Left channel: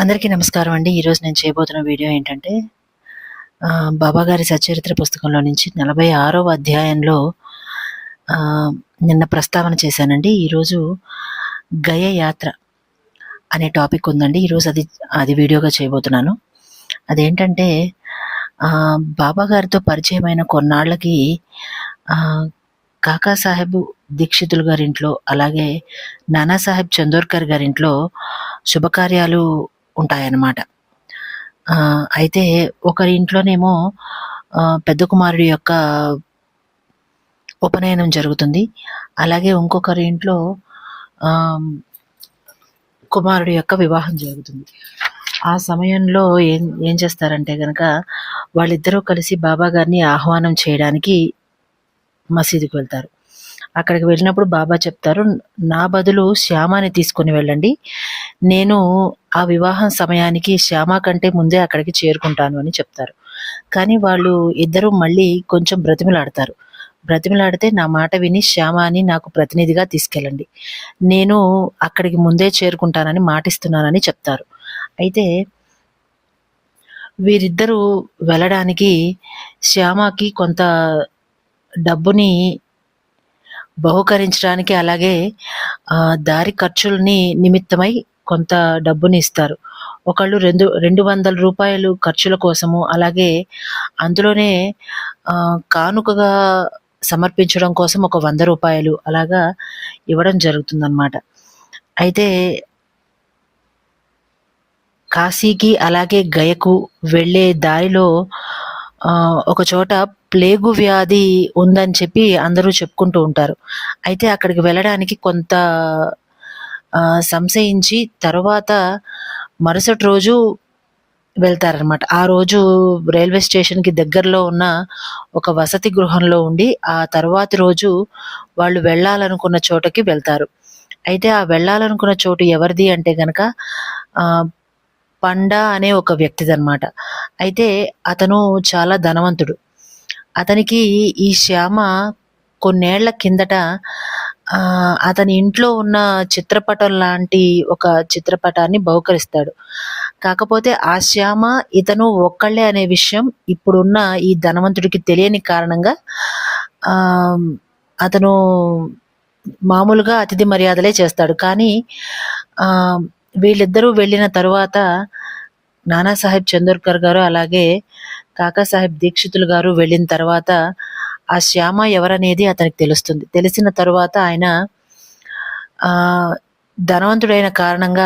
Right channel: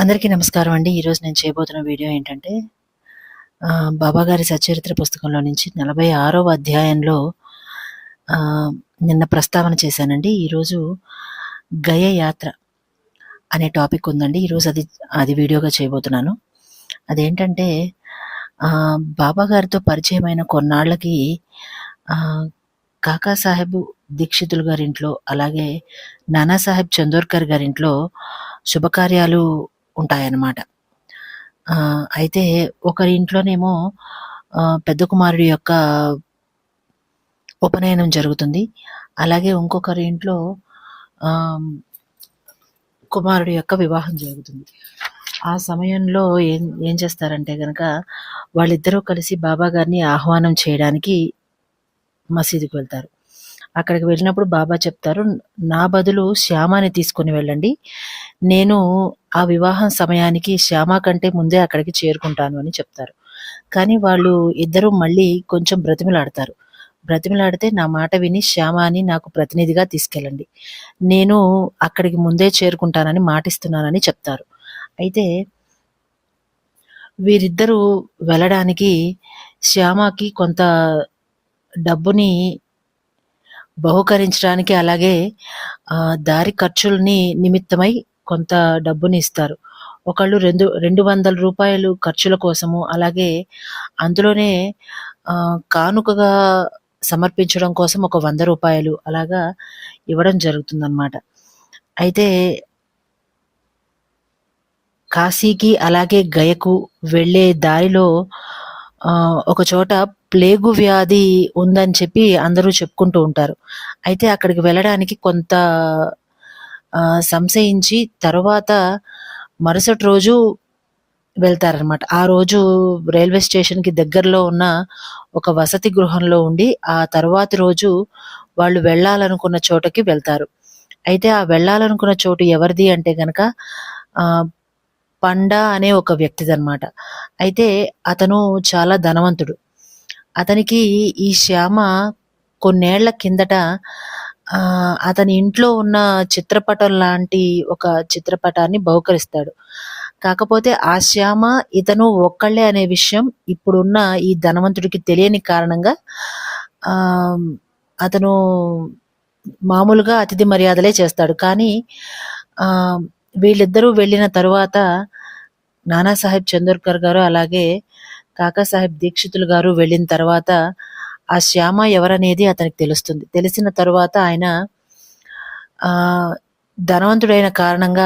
అందరికీ నమస్కారం అండి. ఈరోజు నేను చేయబోతున్న వీడియో ఏంటంటే, బాబాగారి సచ్చరిత్ర పుస్తకంలో నుంచి 46వ అధ్యాయంలో నిన్న ప్రస్తావన చేశానండి. ఈరోజు గయ యాత్ర అనే టాపిక్ ఉందండి. ఈరోజు అది వీడియోగా చేయబోతున్నాను. అదేంటంటే, బాబాగారితో పరిచయమైన కొన్నాళ్ళకి కాకాసాహెబ్ దీక్షితులు గారింట్లో, అలాగే నానాసాహెబ్ చందోర్కర్ గారింట్లో శుభకార్యాలు ఉంటాయన్నమాట. అయితే ఒకరి ఇంట్లోనేమో పెద్ద కుమారుడి యొక్క ఉపనయనం జరుగుతుంది. అలాగే ఇంకొకరి ఇంట్లో కుమారుడి యొక్క వివాహం జరుగుతుంది. ఆ సమయంలో ఏం చేస్తారంటే గనక వాళ్ళిద్దరూ కలిసి బాబా గారిని ఆహ్వానం చేయడానికి మసీదుకి వెళ్తారు. అక్కడికి వెళ్ళినప్పుడు బాబా చెప్తారు, నా బదులు శ్యామాని తీసుకుని వెళ్ళండి, నేను ఆ వివాహం సమయానికి శ్యామ కంటే ముందే అక్కడికి చేరుకుంటాను అని చెప్తారు. కానీ వాళ్ళు ఇద్దరు మళ్ళీ కొంచెం బ్రతిమిలాడితే నా మాట విని శ్యామాని నాకు ప్రతినిధిగా తీసుకెళ్ళండి, నేను అక్కడికి ముందే చేరుకుంటానని మాటిస్తున్నానని చెప్తారు. అయితే వీరిద్దరూ వెళ్ళడానికి శ్యామకి కొంత డబ్బుని బహుకరించడానికి, అలాగే దారి ఖర్చుల్ని నిమిత్తమై కొంత డబ్బుని ఇస్తారు. ఒకళ్ళు 200 రూపాయలు ఖర్చుల కోసము, అలాగే అందులోనే కానుకగా సమర్పించడం కోసం ఒక 100 రూపాయలు అలాగా ఇవ్వడం జరుగుతుందన్నమాట. అయితే కాశీకి అలాగే గయకు వెళ్ళే దారిలో ఒక చోట ప్లేగు వ్యాధి ఉందని చెప్పి అందరూ చెప్పుకుంటూ ఉంటారు. అయితే అక్కడికి వెళ్ళడానికి కొంత సంశయించి తర్వాత మరుసటి రోజు వెళ్తారనమాట. ఆ రోజు రైల్వే స్టేషన్‌కి దగ్గరలో ఉన్న ఒక వసతి గృహంలో ఉండి, ఆ తర్వాతి రోజు వాళ్ళు వెళ్ళాలనుకున్న చోటకి వెళ్తారు. అయితే ఆ వెళ్ళాలనుకున్న చోటు ఎవరిది అంటే గనక పండా అనే ఒక వ్యక్తిదనమాట. అయితే అతను చాలా ధనవంతుడు. అతనికి ఈ శ్యామ కొన్నేళ్ల కిందట అతని ఇంట్లో ఉన్న చిత్రపటం లాంటి ఒక చిత్రపటాన్ని బహుకరిస్తాడు. కాకపోతే ఆ శ్యామ ఇతను ఒక్కళ్ళే అనే విషయం ఇప్పుడున్న ఈ ధనవంతుడికి తెలియని కారణంగా అతను మామూలుగా అతిథి మర్యాదలే చేస్తాడు. కానీ వీళ్ళిద్దరూ వెళ్ళిన తరువాత నానాసాహెబ్ చందోర్కర్ గారు అలాగే కాకాసాహెబ్ దీక్షితులు గారు వెళ్ళిన తర్వాత ఆ శ్యామ ఎవరనేది అతనికి తెలుస్తుంది. తెలిసిన తరువాత ఆయన ధనవంతుడైన కారణంగా